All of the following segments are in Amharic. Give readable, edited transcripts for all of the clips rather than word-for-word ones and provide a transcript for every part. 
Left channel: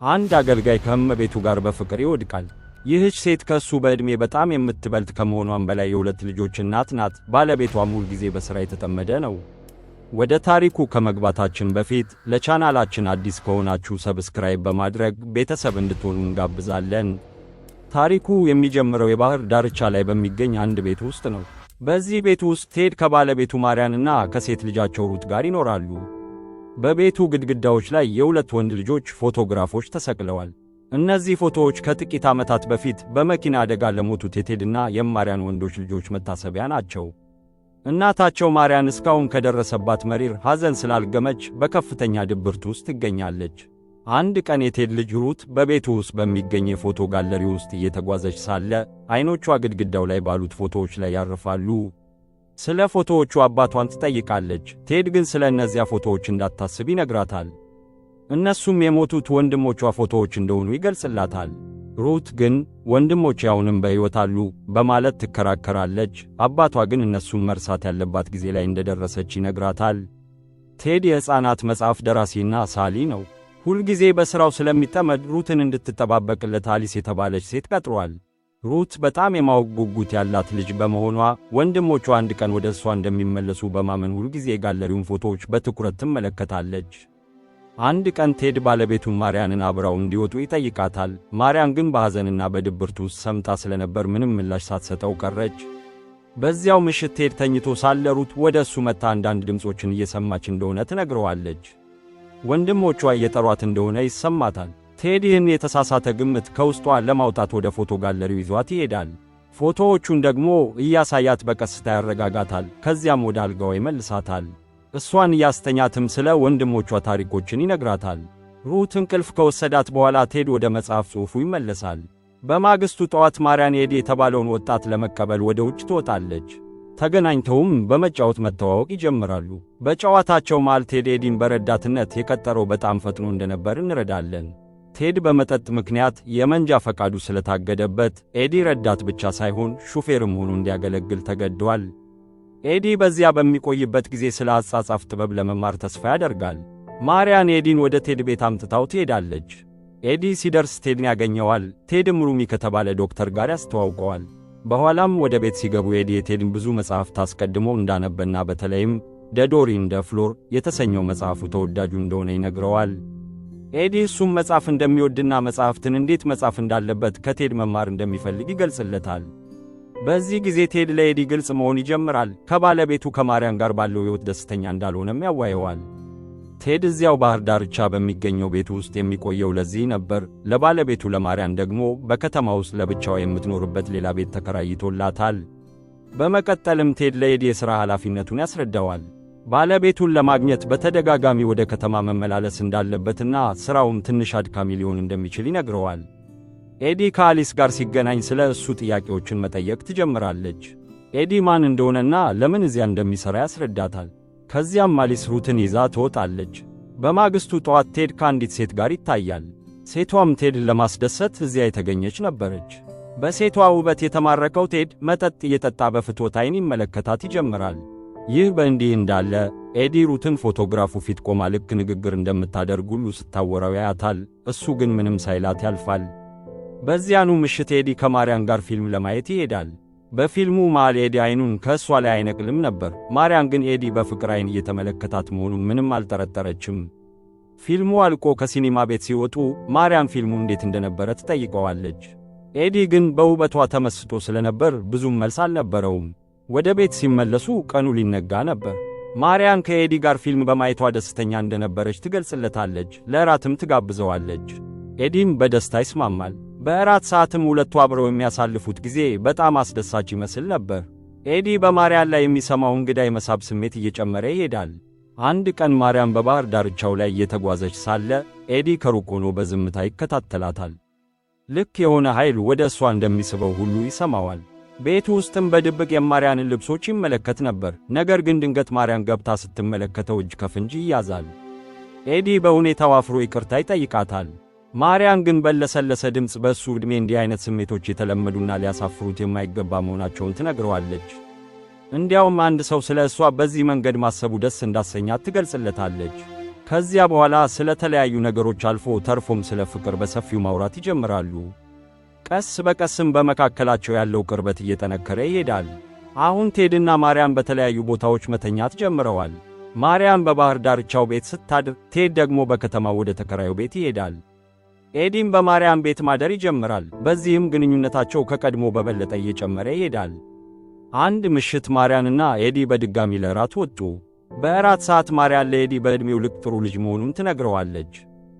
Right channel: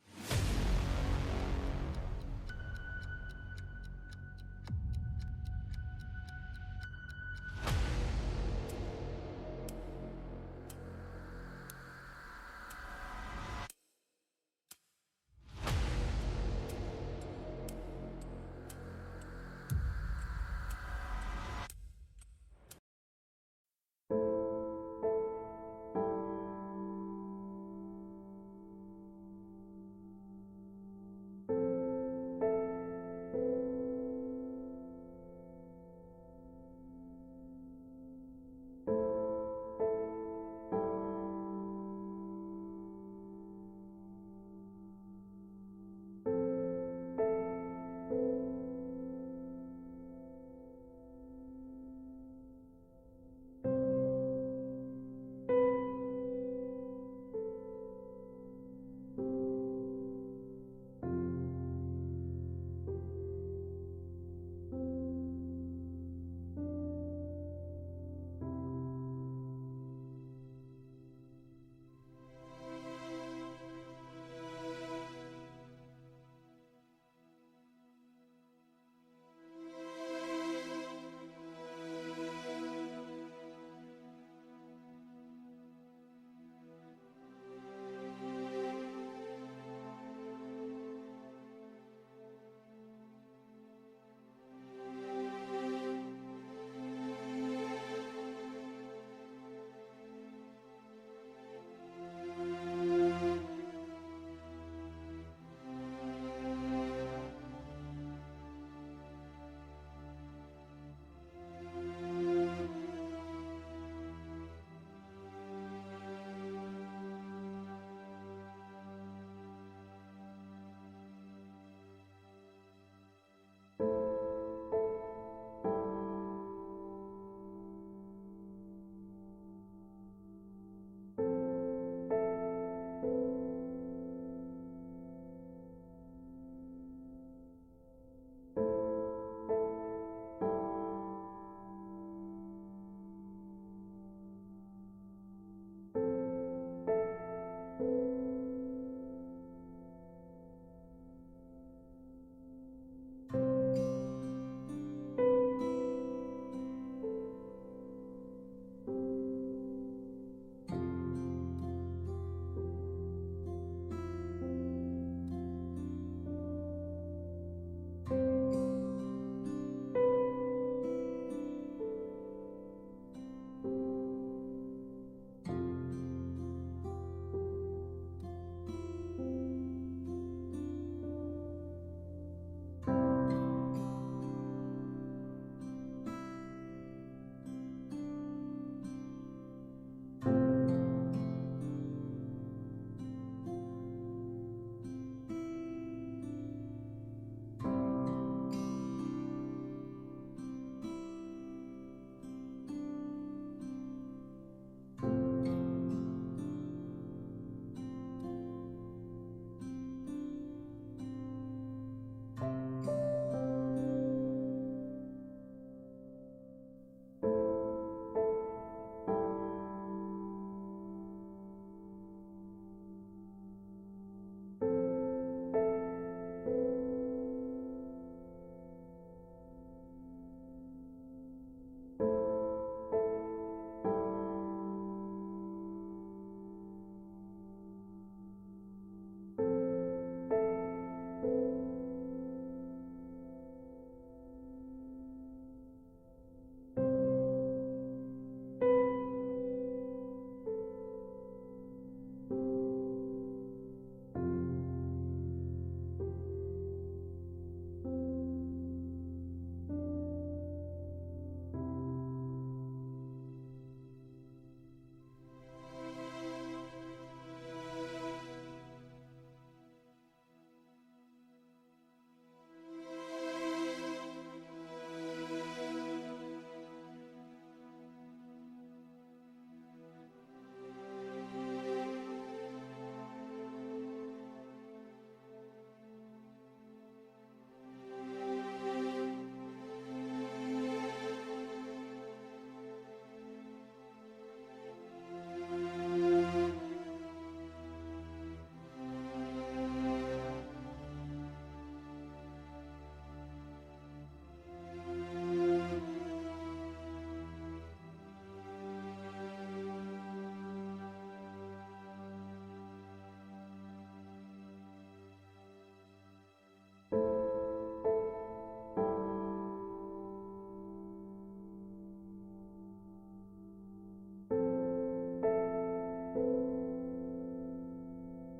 አንድ አገልጋይ ከእመቤቱ ጋር በፍቅር ይወድቃል። ይህች ሴት ከእሱ በዕድሜ በጣም የምትበልጥ ከመሆኗም በላይ የሁለት ልጆች እናት ናት። ባለቤቷም ሁል ጊዜ በሥራ የተጠመደ ነው። ወደ ታሪኩ ከመግባታችን በፊት ለቻናላችን አዲስ ከሆናችሁ ሰብስክራይብ በማድረግ ቤተሰብ እንድትሆኑ እንጋብዛለን። ታሪኩ የሚጀምረው የባህር ዳርቻ ላይ በሚገኝ አንድ ቤት ውስጥ ነው። በዚህ ቤት ውስጥ ቴድ ከባለቤቱ ማርያንና ከሴት ልጃቸው ሩት ጋር ይኖራሉ። በቤቱ ግድግዳዎች ላይ የሁለት ወንድ ልጆች ፎቶግራፎች ተሰቅለዋል። እነዚህ ፎቶዎች ከጥቂት ዓመታት በፊት በመኪና አደጋ ለሞቱት የቴድና የማርያን ወንዶች ልጆች መታሰቢያ ናቸው። እናታቸው ማርያን እስካሁን ከደረሰባት መሪር ሐዘን ስላልገመች በከፍተኛ ድብርት ውስጥ ትገኛለች። አንድ ቀን የቴድ ልጅ ሩት በቤቱ ውስጥ በሚገኝ የፎቶ ጋለሪ ውስጥ እየተጓዘች ሳለ ዓይኖቿ ግድግዳው ላይ ባሉት ፎቶዎች ላይ ያርፋሉ። ስለ ፎቶዎቹ አባቷን ትጠይቃለች። ቴድ ግን ስለ እነዚያ ፎቶዎች እንዳታስብ ይነግራታል። እነሱም የሞቱት ወንድሞቿ ፎቶዎች እንደሆኑ ይገልጽላታል። ሩት ግን ወንድሞቼ አሁንም በሕይወት አሉ በማለት ትከራከራለች። አባቷ ግን እነሱን መርሳት ያለባት ጊዜ ላይ እንደደረሰች ይነግራታል። ቴድ የሕፃናት መጽሐፍ ደራሲና ሳሊ ነው። ሁልጊዜ በሥራው ስለሚጠመድ ሩትን እንድትጠባበቅለት አሊስ የተባለች ሴት ቀጥሯል። ሩት በጣም የማወቅ ጉጉት ያላት ልጅ በመሆኗ ወንድሞቿ አንድ ቀን ወደ እሷ እንደሚመለሱ በማመን ሁልጊዜ የጋለሪውን ፎቶዎች በትኩረት ትመለከታለች። አንድ ቀን ቴድ ባለቤቱን ማርያንን አብረው እንዲወጡ ይጠይቃታል። ማርያን ግን በሐዘንና በድብርት ውስጥ ሰምጣ ስለነበር ምንም ምላሽ ሳትሰጠው ቀረች። በዚያው ምሽት ቴድ ተኝቶ ሳለ ሩት ወደ እሱ መጥታ አንዳንድ ድምፆችን እየሰማች እንደሆነ ትነግረዋለች። ወንድሞቿ እየጠሯት እንደሆነ ይሰማታል። ቴድ ይህን የተሳሳተ ግምት ከውስጧ ለማውጣት ወደ ፎቶ ጋለሪው ይዟት ይሄዳል። ፎቶዎቹን ደግሞ እያሳያት በቀስታ ያረጋጋታል። ከዚያም ወደ አልጋዋ ይመልሳታል። እሷን እያስተኛትም ስለ ወንድሞቿ ታሪኮችን ይነግራታል። ሩት እንቅልፍ ከወሰዳት በኋላ ቴድ ወደ መጽሐፍ ጽሑፉ ይመለሳል። በማግስቱ ጠዋት ማርያን ኤዲ የተባለውን ወጣት ለመቀበል ወደ ውጭ ትወጣለች። ተገናኝተውም በመጫወት መተዋወቅ ይጀምራሉ። በጨዋታቸው መሃል ቴድ ኤዲን በረዳትነት የቀጠረው በጣም ፈጥኖ እንደነበር እንረዳለን። ቴድ በመጠጥ ምክንያት የመንጃ ፈቃዱ ስለታገደበት ኤዲ ረዳት ብቻ ሳይሆን ሹፌርም ሆኖ እንዲያገለግል ተገዷል። ኤዲ በዚያ በሚቆይበት ጊዜ ስለ አጻጻፍ ጥበብ ለመማር ተስፋ ያደርጋል። ማርያን ኤዲን ወደ ቴድ ቤት አምጥታው ትሄዳለች። ኤዲ ሲደርስ ቴድን ያገኘዋል። ቴድም ሩሚ ከተባለ ዶክተር ጋር ያስተዋውቀዋል። በኋላም ወደ ቤት ሲገቡ ኤዲ የቴድን ብዙ መጽሐፍት አስቀድሞ እንዳነበና በተለይም ደዶሪ እንደ ፍሎር የተሰኘው መጽሐፉ ተወዳጁ እንደሆነ ይነግረዋል። ኤዲ እሱም መጽሐፍ እንደሚወድና መጽሐፍትን እንዴት መጻፍ እንዳለበት ከቴድ መማር እንደሚፈልግ ይገልጽለታል። በዚህ ጊዜ ቴድ ለኤዲ ግልጽ መሆን ይጀምራል። ከባለቤቱ ከማርያን ጋር ባለው ሕይወት ደስተኛ እንዳልሆነም ያዋየዋል። ቴድ እዚያው ባህር ዳርቻ በሚገኘው ቤቱ ውስጥ የሚቆየው ለዚህ ነበር። ለባለቤቱ ለማርያን ደግሞ በከተማ ውስጥ ለብቻዋ የምትኖርበት ሌላ ቤት ተከራይቶላታል። በመቀጠልም ቴድ ለኤዲ የሥራ ኃላፊነቱን ያስረዳዋል። ባለቤቱን ለማግኘት በተደጋጋሚ ወደ ከተማ መመላለስ እንዳለበትና ሥራውም ትንሽ አድካሚ ሊሆን እንደሚችል ይነግረዋል። ኤዲ ከአሊስ ጋር ሲገናኝ ስለ እሱ ጥያቄዎችን መጠየቅ ትጀምራለች። ኤዲ ማን እንደሆነና ለምን እዚያ እንደሚሠራ ያስረዳታል። ከዚያም አሊስ ሩትን ይዛ ትወጣለች። በማግስቱ ጠዋት ቴድ ከአንዲት ሴት ጋር ይታያል። ሴቷም ቴድን ለማስደሰት እዚያ የተገኘች ነበረች። በሴቷ ውበት የተማረከው ቴድ መጠጥ እየጠጣ በፍትወት ዓይን ይመለከታት ይጀምራል። ይህ በእንዲህ እንዳለ ኤዲ ሩትን ፎቶግራፉ ፊት ቆማ ልክ ንግግር እንደምታደርግ ሁሉ ስታወራው ያያታል። እሱ ግን ምንም ሳይላት ያልፋል። በዚያኑ ምሽት ኤዲ ከማርያን ጋር ፊልም ለማየት ይሄዳል። በፊልሙ መሃል ኤዲ ዓይኑን ከእሷ ላይ አይነቅልም ነበር። ማርያን ግን ኤዲ በፍቅር ዓይን እየተመለከታት መሆኑን ምንም አልጠረጠረችም። ፊልሙ አልቆ ከሲኒማ ቤት ሲወጡ ማርያን ፊልሙ እንዴት እንደነበረ ትጠይቀዋለች። ኤዲ ግን በውበቷ ተመስጦ ስለነበር ብዙም መልስ አልነበረውም። ወደ ቤት ሲመለሱ ቀኑ ሊነጋ ነበር። ማርያን ከኤዲ ጋር ፊልም በማየቷ ደስተኛ እንደነበረች ትገልጽለታለች። ለእራትም ትጋብዘዋለች። ኤዲም በደስታ ይስማማል። በእራት ሰዓትም ሁለቱ አብረው የሚያሳልፉት ጊዜ በጣም አስደሳች ይመስል ነበር። ኤዲ በማርያን ላይ የሚሰማው እንግዳ የመሳብ ስሜት እየጨመረ ይሄዳል። አንድ ቀን ማርያን በባህር ዳርቻው ላይ እየተጓዘች ሳለ ኤዲ ከሩቅ ሆኖ በዝምታ ይከታተላታል። ልክ የሆነ ኃይል ወደ እሷ እንደሚስበው ሁሉ ይሰማዋል። ቤቱ ውስጥም በድብቅ የማርያንን ልብሶች ይመለከት ነበር። ነገር ግን ድንገት ማርያን ገብታ ስትመለከተው እጅ ከፍንጅ ይያዛል። ኤዲ በሁኔታው አፍሮ ይቅርታ ይጠይቃታል። ማርያን ግን በለሰለሰ ድምፅ በእሱ ዕድሜ እንዲህ አይነት ስሜቶች የተለመዱና ሊያሳፍሩት የማይገባ መሆናቸውን ትነግረዋለች። እንዲያውም አንድ ሰው ስለ እሷ በዚህ መንገድ ማሰቡ ደስ እንዳሰኛት ትገልጽለታለች። ከዚያ በኋላ ስለ ተለያዩ ነገሮች አልፎ ተርፎም ስለ ፍቅር በሰፊው ማውራት ይጀምራሉ። ቀስ በቀስም በመካከላቸው ያለው ቅርበት እየጠነከረ ይሄዳል። አሁን ቴድና ማርያም በተለያዩ ቦታዎች መተኛት ጀምረዋል። ማርያም በባህር ዳርቻው ቤት ስታድር፣ ቴድ ደግሞ በከተማው ወደ ተከራዩ ቤት ይሄዳል። ኤዲም በማርያም ቤት ማደር ይጀምራል። በዚህም ግንኙነታቸው ከቀድሞ በበለጠ እየጨመረ ይሄዳል። አንድ ምሽት ማርያንና ኤዲ በድጋሚ ለራት ወጡ። በእራት ሰዓት ማርያን ለኤዲ በዕድሜው ልክ ጥሩ ልጅ መሆኑን ትነግረዋለች።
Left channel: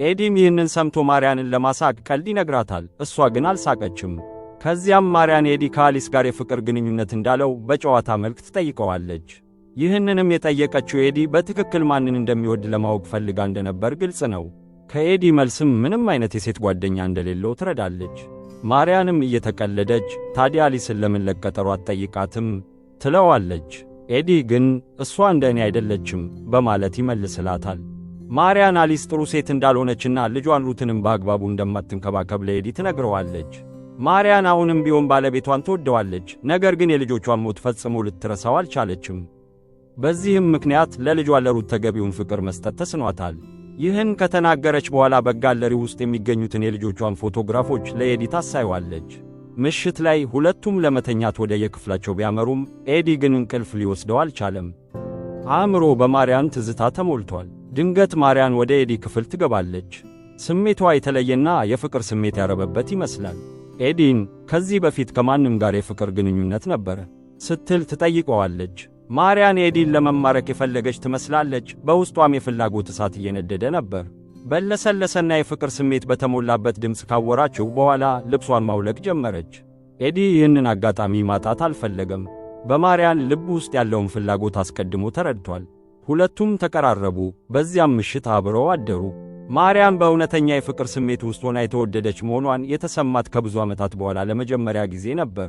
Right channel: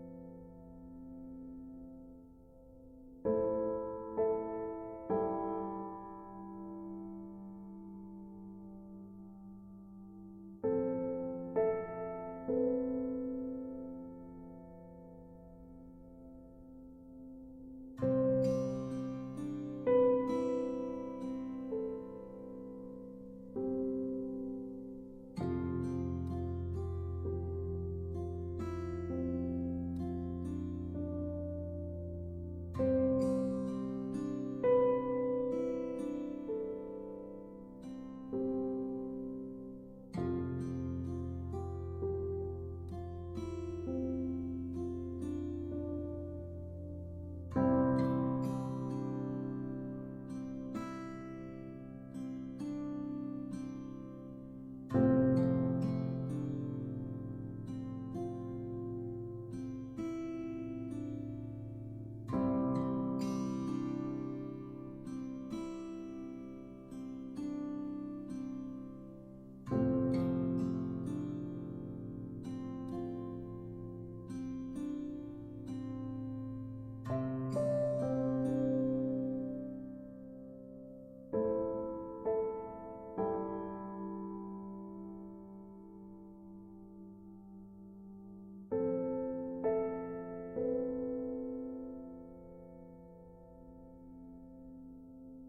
ኤዲም ይህንን ሰምቶ ማርያንን ለማሳቅ ቀልድ ይነግራታል። እሷ ግን አልሳቀችም። ከዚያም ማርያን ኤዲ ከአሊስ ጋር የፍቅር ግንኙነት እንዳለው በጨዋታ መልክ ትጠይቀዋለች። ይህንንም የጠየቀችው ኤዲ በትክክል ማንን እንደሚወድ ለማወቅ ፈልጋ እንደነበር ግልጽ ነው። ከኤዲ መልስም ምንም አይነት የሴት ጓደኛ እንደሌለው ትረዳለች። ማርያንም እየተቀለደች ታዲያ አሊስን ለምን ለቀጠሮ አትጠይቃትም ትለዋለች። ኤዲ ግን እሷ እንደ እኔ አይደለችም በማለት ይመልስላታል። ማርያን አሊስ ጥሩ ሴት እንዳልሆነችና ልጇን ሩትንም በአግባቡ እንደማትንከባከብ ለኤዲ ትነግረዋለች። ማርያን አሁንም ቢሆን ባለቤቷን ትወደዋለች፣ ነገር ግን የልጆቿን ሞት ፈጽሞ ልትረሳው አልቻለችም። በዚህም ምክንያት ለልጇ ለሩት ተገቢውን ፍቅር መስጠት ተስኗታል። ይህን ከተናገረች በኋላ በጋለሪ ውስጥ የሚገኙትን የልጆቿን ፎቶግራፎች ለኤዲ ታሳየዋለች። ምሽት ላይ ሁለቱም ለመተኛት ወደ የክፍላቸው ቢያመሩም ኤዲ ግን እንቅልፍ ሊወስደው አልቻለም። አእምሮ በማርያን ትዝታ ተሞልቷል። ድንገት ማርያን ወደ ኤዲ ክፍል ትገባለች። ስሜቷ የተለየና የፍቅር ስሜት ያረበበት ይመስላል። ኤዲን ከዚህ በፊት ከማንም ጋር የፍቅር ግንኙነት ነበረ ስትል ትጠይቀዋለች። ማርያን ኤዲን ለመማረክ የፈለገች ትመስላለች። በውስጧም የፍላጎት እሳት እየነደደ ነበር። በለሰለሰና የፍቅር ስሜት በተሞላበት ድምፅ ካወራችው በኋላ ልብሷን ማውለቅ ጀመረች። ኤዲ ይህንን አጋጣሚ ማጣት አልፈለገም። በማርያን ልብ ውስጥ ያለውን ፍላጎት አስቀድሞ ተረድቷል። ሁለቱም ተቀራረቡ። በዚያም ምሽት አብረው አደሩ። ማርያም በእውነተኛ የፍቅር ስሜት ውስጥ ሆና የተወደደች መሆኗን የተሰማት ከብዙ ዓመታት በኋላ ለመጀመሪያ ጊዜ ነበር።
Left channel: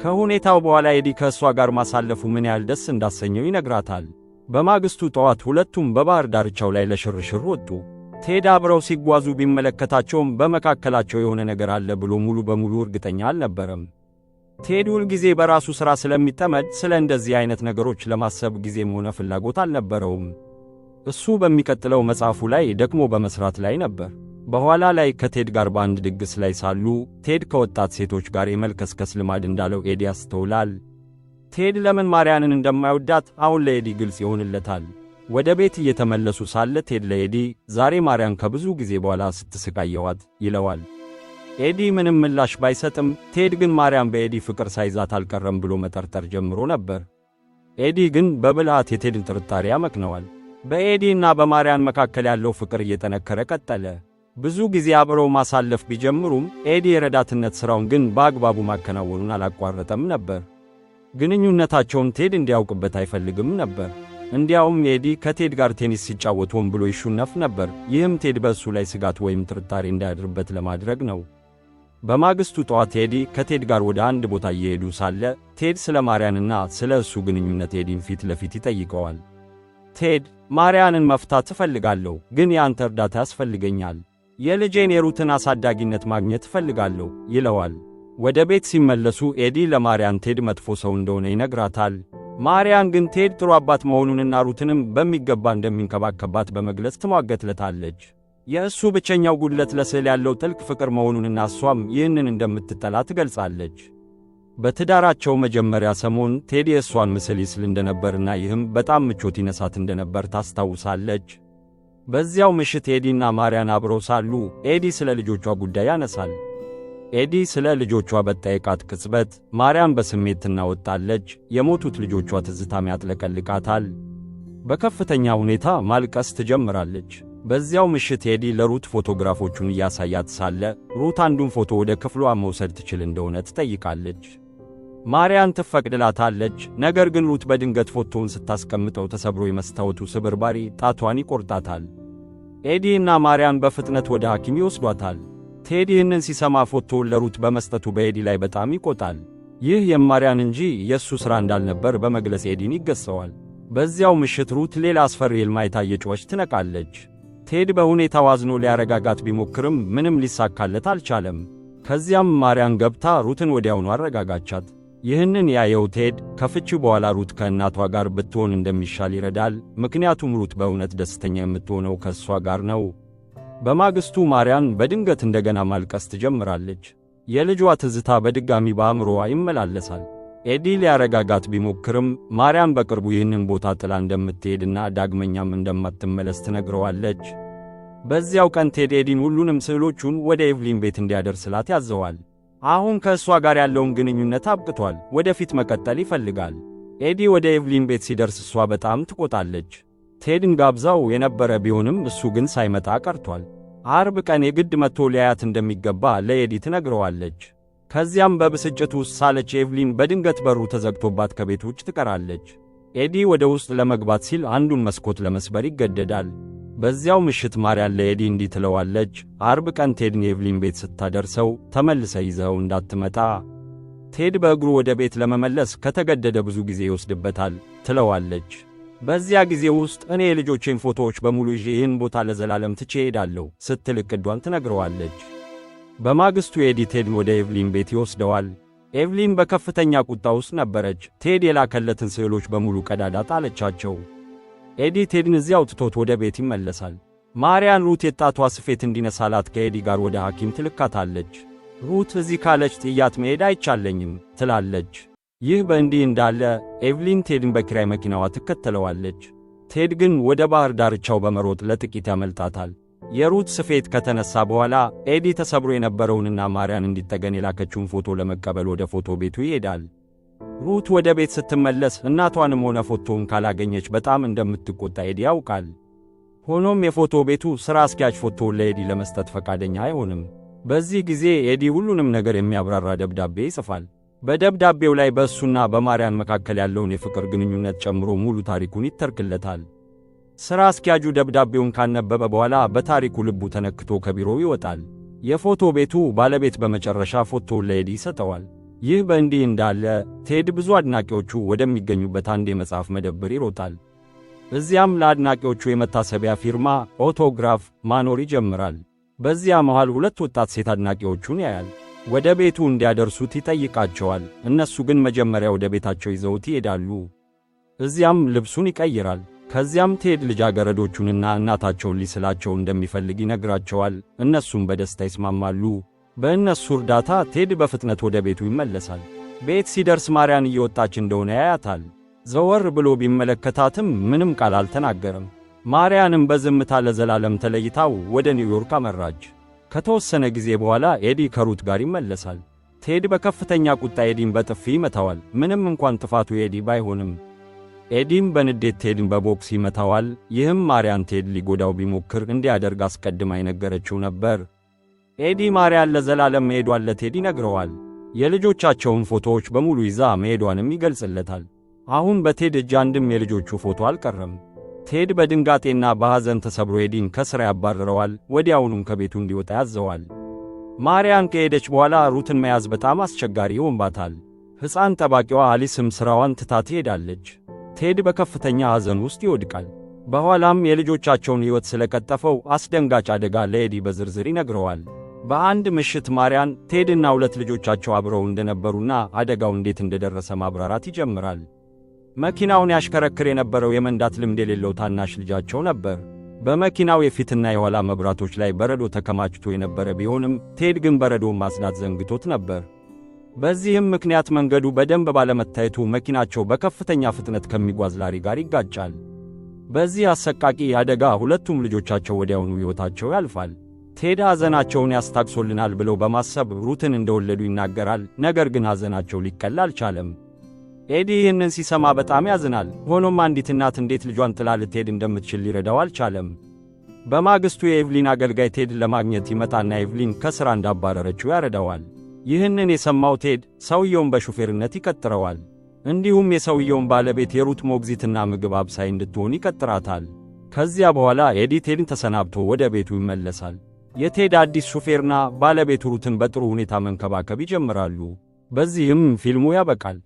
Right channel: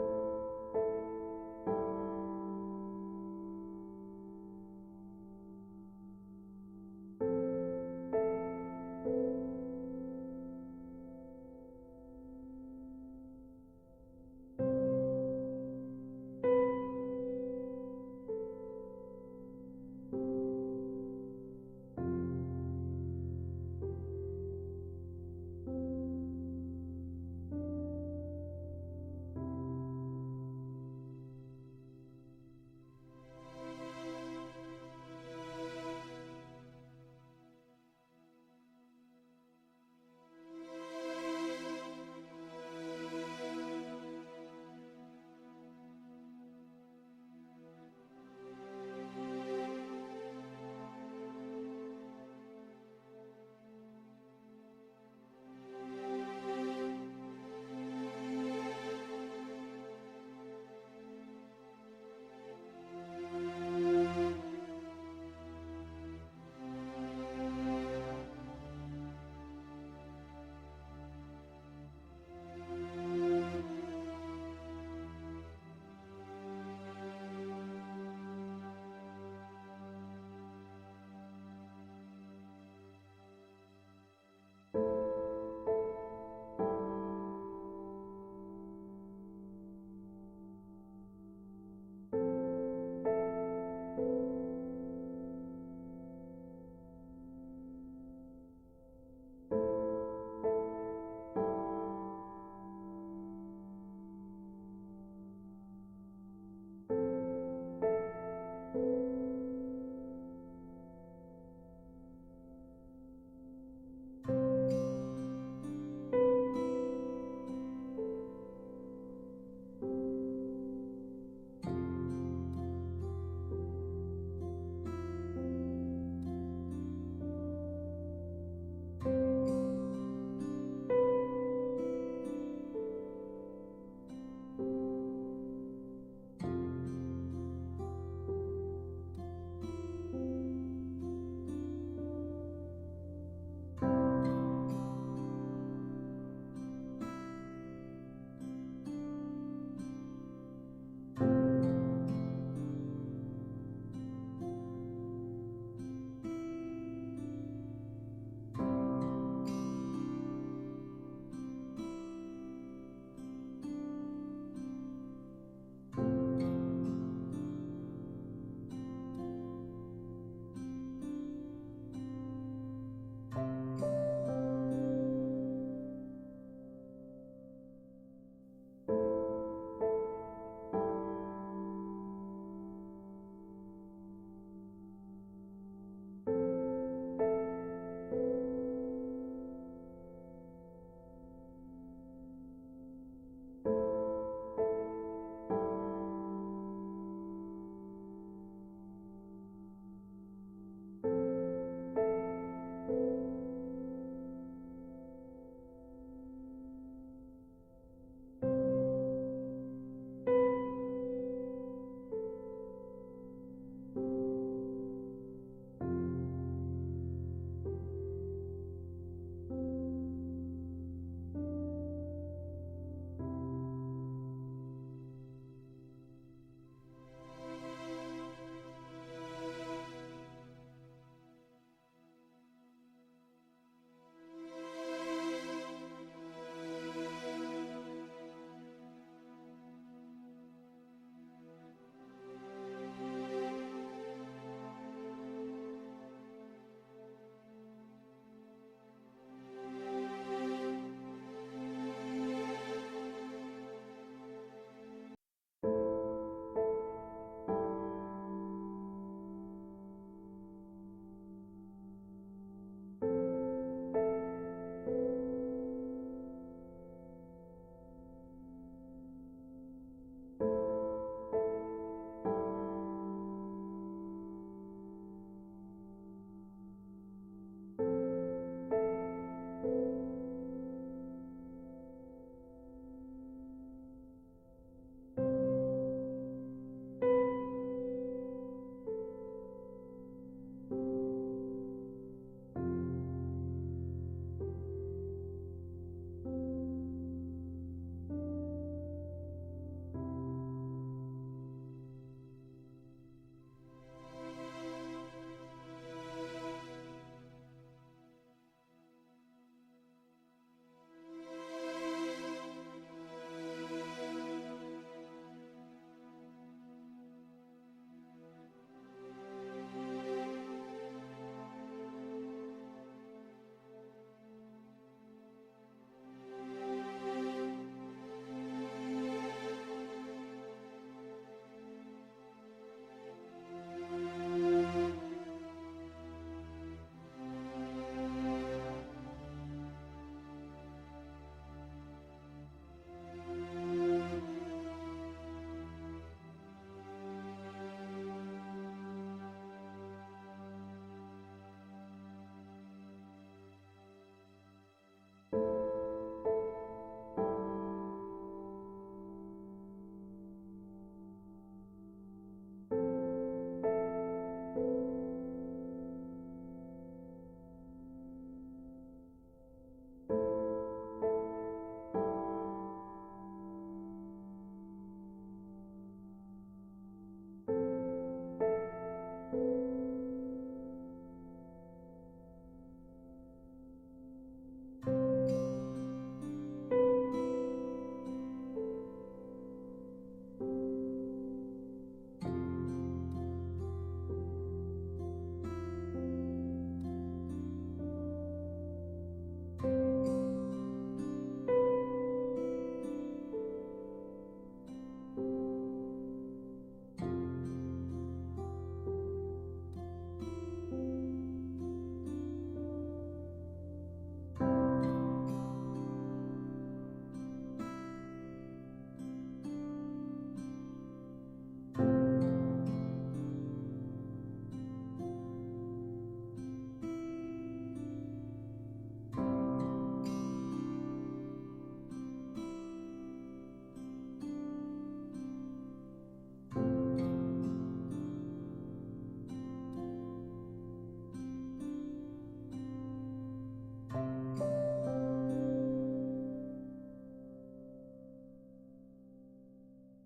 ከሁኔታው በኋላ ኤዲ ከእሷ ጋር ማሳለፉ ምን ያህል ደስ እንዳሰኘው ይነግራታል። በማግስቱ ጠዋት ሁለቱም በባህር ዳርቻው ላይ ለሽርሽር ወጡ። ቴድ አብረው ሲጓዙ ቢመለከታቸውም በመካከላቸው የሆነ ነገር አለ ብሎ ሙሉ በሙሉ እርግጠኛ አልነበረም። ቴድ ሁል ጊዜ በራሱ ሥራ ስለሚጠመድ ስለ እንደዚህ አይነት ነገሮች ለማሰብ ጊዜም ሆነ ፍላጎት አልነበረውም። እሱ በሚቀጥለው መጽሐፉ ላይ ደክሞ በመስራት ላይ ነበር። በኋላ ላይ ከቴድ ጋር በአንድ ድግስ ላይ ሳሉ ቴድ ከወጣት ሴቶች ጋር የመልከስከስ ልማድ እንዳለው ኤዲ ያስተውላል። ቴድ ለምን ማርያንን እንደማይወዳት አሁን ለኤዲ ግልጽ ይሆንለታል። ወደ ቤት እየተመለሱ ሳለ ቴድ ለኤዲ ዛሬ ማርያን ከብዙ ጊዜ በኋላ ስትስቃየዋት ይለዋል። ኤዲ ምንም ምላሽ ባይሰጥም ቴድ ግን ማርያም በኤዲ ፍቅር ሳይዛት አልቀረም ብሎ መጠርጠር ጀምሮ ነበር። ኤዲ ግን በብልሃት የቴድን ጥርጣሬ ያመክነዋል። በኤዲና በማርያን መካከል ያለው ፍቅር እየጠነከረ ቀጠለ። ብዙ ጊዜ አብረው ማሳለፍ ቢጀምሩም ኤዲ የረዳትነት ሥራውን ግን በአግባቡ ማከናወኑን አላቋረጠም ነበር። ግንኙነታቸውን ቴድ እንዲያውቅበት አይፈልግም ነበር። እንዲያውም ኤዲ ከቴድ ጋር ቴኒስ ሲጫወት ሆን ብሎ ይሹነፍ ነበር። ይህም ቴድ በእሱ ላይ ስጋት ወይም ጥርጣሬ እንዳያድርበት ለማድረግ ነው። በማግስቱ ጠዋት ኤዲ ከቴድ ጋር ወደ አንድ ቦታ እየሄዱ ሳለ ቴድ ስለ ማርያንና ስለ እሱ ግንኙነት ኤዲን ፊት ለፊት ይጠይቀዋል። ቴድ ማርያንን መፍታት እፈልጋለሁ፣ ግን የአንተ እርዳታ ያስፈልገኛል። የልጄን የሩትን አሳዳጊነት ማግኘት እፈልጋለሁ ይለዋል። ወደ ቤት ሲመለሱ ኤዲ ለማርያን ቴድ መጥፎ ሰው እንደሆነ ይነግራታል። ማርያን ግን ቴድ ጥሩ አባት መሆኑንና ሩትንም በሚገባ እንደሚንከባከባት በመግለጽ ትሟገትለታለች። የእሱ ብቸኛው ጉድለት ለስዕል ያለው ጥልቅ ፍቅር መሆኑንና እሷም ይህንን እንደምትጠላ ትገልጻለች። በትዳራቸው መጀመሪያ ሰሞን ቴድ የእሷን ምስል ይስል እንደነበርና ይህም በጣም ምቾት ይነሳት እንደነበር ታስታውሳለች። በዚያው ምሽት ኤዲና ማርያን አብረው ሳሉ ኤዲ ስለ ልጆቿ ጉዳይ ያነሳል። ኤዲ ስለ ልጆቿ በጠየቃት ቅጽበት ማርያም በስሜት ትናወጣለች። የሞቱት ልጆቿ ትዝታም ያጥለቀልቃታል። በከፍተኛ ሁኔታ ማልቀስ ትጀምራለች። በዚያው ምሽት ኤዲ ለሩት ፎቶግራፎቹን እያሳያት ሳለ ሩት አንዱን ፎቶ ወደ ክፍሏ መውሰድ ትችል እንደሆነ ትጠይቃለች። ማርያን ትፈቅድላታለች። ነገር ግን ሩት በድንገት ፎቶውን ስታስቀምጠው ተሰብሮ የመስታወቱ ስብርባሪ ጣቷን ይቆርጣታል። ኤዲ እና ማርያን በፍጥነት ወደ ሐኪም ይወስዷታል። ቴድ ይህንን ሲሰማ ፎቶውን ለሩት በመስጠቱ በኤዲ ላይ በጣም ይቆጣል። ይህ የማርያን እንጂ የእሱ ሥራ እንዳልነበር በመግለጽ ኤዲን ይገሰዋል። በዚያው ምሽት ሩት ሌላ አስፈሪ ሕልም አይታ እየጮኸች ትነቃለች። ቴድ በሁኔታው አዝኖ ሊያረጋጋት ቢሞክርም ምንም ሊሳካለት አልቻለም። ከዚያም ማርያን ገብታ ሩትን ወዲያውኑ አረጋጋቻት። ይህንን ያየው ቴድ ከፍቺ በኋላ ሩት ከእናቷ ጋር ብትሆን እንደሚሻል ይረዳል። ምክንያቱም ሩት በእውነት ደስተኛ የምትሆነው ከእሷ ጋር ነው። በማግስቱ ማርያን በድንገት እንደገና ማልቀስ ትጀምራለች። የልጇ ትዝታ በድጋሚ በአእምሮዋ ይመላለሳል። ኤዲ ሊያረጋጋት ቢሞክርም ማርያን በቅርቡ ይህንን ቦታ ጥላ እንደምትሄድና ዳግመኛም እንደማትመለስ ትነግረዋለች። በዚያው ቀን ቴድ ኤዲን ሁሉንም ስዕሎቹን ወደ ኤቭሊን ቤት እንዲያደርስላት ያዘዋል። አሁን ከእሷ ጋር ያለውን ግንኙነት አብቅቷል። ወደፊት መቀጠል ይፈልጋል። ኤዲ ወደ ኤቭሊን ቤት ሲደርስ እሷ በጣም ትቆጣለች። ቴድን ጋብዛው የነበረ ቢሆንም እሱ ግን ሳይመጣ ቀርቷል። አርብ ቀን የግድ መጥቶ ሊያያት እንደሚገባ ለኤዲ ትነግረዋለች። ከዚያም በብስጭት ውስጥ ሳለች ኤቭሊን በድንገት በሩ ተዘግቶባት ከቤት ውጭ ትቀራለች። ኤዲ ወደ ውስጥ ለመግባት ሲል አንዱን መስኮት ለመስበር ይገደዳል። በዚያው ምሽት ማርያን ለኤዲ እንዲህ ትለዋለች። አርብ ቀን ቴድን የኤቭሊን ቤት ስታደርሰው ተመልሰ ይዘው እንዳትመጣ። ቴድ በእግሩ ወደ ቤት ለመመለስ ከተገደደ ብዙ ጊዜ ይወስድበታል ትለዋለች። በዚያ ጊዜ ውስጥ እኔ የልጆቼን ፎቶዎች በሙሉ ይዤ ይህን ቦታ ለዘላለም ትቼ እሄዳለሁ ስትል ዕቅዷን ትነግረዋለች። በማግስቱ ኤዲ ቴድን ወደ ኤቭሊን ቤት ይወስደዋል። ኤቭሊን በከፍተኛ ቁጣ ውስጥ ነበረች። ቴድ የላከለትን ስዕሎች በሙሉ ቀዳዳ ጣለቻቸው። ኤዲ ቴድን እዚያው ትቶት ወደ ቤት ይመለሳል። ማርያን ሩት የጣቷ ስፌት እንዲነሳላት ከኤዲ ጋር ወደ ሐኪም ትልካታለች። ሩት እዚህ ካለች ጥያት መሄድ አይቻለኝም ትላለች። ይህ በእንዲህ እንዳለ ኤቭሊን ቴድን በኪራይ መኪናዋ ትከተለዋለች። ቴድ ግን ወደ ባህር ዳርቻው በመሮጥ ለጥቂት ያመልጣታል። የሩት ስፌት ከተነሳ በኋላ ኤዲ ተሰብሮ የነበረውንና ማርያን እንዲጠገን የላከችውን ፎቶ ለመቀበል ወደ ፎቶ ቤቱ ይሄዳል። ሩት ወደ ቤት ስትመለስ እናቷንም ሆነ ፎቶውን ካላገኘች በጣም እንደምትቆጣ ኤዲ ያውቃል። ሆኖም የፎቶ ቤቱ ሥራ አስኪያጅ ፎቶውን ለኤዲ ለመስጠት ፈቃደኛ አይሆንም። በዚህ ጊዜ ኤዲ ሁሉንም ነገር የሚያብራራ ደብዳቤ ይጽፋል። በደብዳቤው ላይ በእሱና በማርያን መካከል ያለውን የፍቅር ግንኙነት ጨምሮ ሙሉ ታሪኩን ይተርክለታል። ሥራ አስኪያጁ ደብዳቤውን ካነበበ በኋላ በታሪኩ ልቡ ተነክቶ ከቢሮው ይወጣል። የፎቶ ቤቱ ባለቤት በመጨረሻ ፎቶውን ለኤዲ ይሰጠዋል። ይህ በእንዲህ እንዳለ ቴድ ብዙ አድናቂዎቹ ወደሚገኙበት አንድ የመጽሐፍ መደብር ይሮጣል። እዚያም ለአድናቂዎቹ የመታሰቢያ ፊርማ ኦቶግራፍ ማኖር ይጀምራል። በዚያ መሃል ሁለት ወጣት ሴት አድናቂዎቹን ያያል። ወደ ቤቱ እንዲያደርሱት ይጠይቃቸዋል። እነሱ ግን መጀመሪያ ወደ ቤታቸው ይዘውት ይሄዳሉ። እዚያም ልብሱን ይቀይራል። ከዚያም ቴድ ልጃገረዶቹንና እናታቸውን ሊስላቸው እንደሚፈልግ ይነግራቸዋል። እነሱም በደስታ ይስማማሉ። በእነሱ እርዳታ ቴድ በፍጥነት ወደ ቤቱ ይመለሳል። ቤት ሲደርስ ማርያን እየወጣች እንደሆነ ያያታል። ዘወር ብሎ ቢመለከታትም ምንም ቃል አልተናገረም። ማርያንም በዝምታ ለዘላለም ተለይታው ወደ ኒውዮርክ አመራች። ከተወሰነ ጊዜ በኋላ ኤዲ ከሩት ጋር ይመለሳል። ቴድ በከፍተኛ ቁጣ ኤዲን በጥፊ ይመታዋል። ምንም እንኳን ጥፋቱ ኤዲ ባይሆንም ኤዲም በንዴት ቴድን በቦክስ ይመታዋል። ይህም ማርያን ቴድ ሊጎዳው ቢሞክር እንዲያደርግ አስቀድማ የነገረችው ነበር። ኤዲ ማርያን ለዘላለም መሄዷን ለቴድ ይነግረዋል። የልጆቻቸውን ፎቶዎች በሙሉ ይዛ መሄዷንም ይገልጽለታል። አሁን በቴድ እጅ አንድም የልጆቹ ፎቶ አልቀረም። ቴድ በድንጋጤና በሐዘን ተሰብሮ ኤዲን ከሥራ ያባርረዋል። ወዲያውኑም ከቤቱ እንዲወጣ ያዘዋል። ማርያን ከሄደች በኋላ ሩትን መያዝ በጣም አስቸጋሪ ይሆንባታል። ሕፃን ጠባቂዋ አሊስም ሥራዋን ትታ ትሄዳለች። ቴድ በከፍተኛ ሐዘን ውስጥ ይወድቃል። በኋላም የልጆቻቸውን ሕይወት ስለቀጠፈው አስደንጋጭ አደጋ ለኤዲ በዝርዝር ይነግረዋል። በአንድ ምሽት ማርያን ቴድና ሁለት ልጆቻቸው አብረው እንደነበሩና አደጋው እንዴት እንደደረሰ ማብራራት ይጀምራል። መኪናውን ያሽከረክር የነበረው የመንዳት ልምድ የሌለው ታናሽ ልጃቸው ነበር። በመኪናው የፊትና የኋላ መብራቶች ላይ በረዶ ተከማችቶ የነበረ ቢሆንም ቴድ ግን በረዶውን ማጽዳት ዘንግቶት ነበር። በዚህም ምክንያት መንገዱ በደንብ ባለመታየቱ መኪናቸው በከፍተኛ ፍጥነት ከሚጓዝ ላሪ ጋር ይጋጫል። በዚህ አሰቃቂ አደጋ ሁለቱም ልጆቻቸው ወዲያውኑ ሕይወታቸው ያልፋል። ቴድ ሐዘናቸውን ያስታግሶልናል ብለው በማሰብ ሩትን እንደወለዱ ይናገራል። ነገር ግን ሐዘናቸው ሊቀል አልቻለም። ኤዲ ይህንን ሲሰማ በጣም ያዝናል። ሆኖም አንዲት እናት እንዴት ልጇን ጥላ ልትሄድ እንደምትችል ሊረዳው አልቻለም። በማግስቱ የኤቭሊን አገልጋይ ቴድን ለማግኘት ይመጣና ኤቭሊን ከሥራ እንዳባረረችው ያረዳዋል። ይህንን የሰማው ቴድ ሰውየውን በሹፌርነት ይቀጥረዋል። እንዲሁም የሰውየውን ባለቤት የሩት ሞግዚትና ምግብ አብሳይ እንድትሆን ይቀጥራታል። ከዚያ በኋላ ኤዲ ቴድን ተሰናብቶ ወደ ቤቱ ይመለሳል። የቴድ አዲስ ሹፌርና ባለቤቱ ሩትን በጥሩ ሁኔታ መንከባከብ ይጀምራሉ። በዚህም ፊልሙ ያበቃል።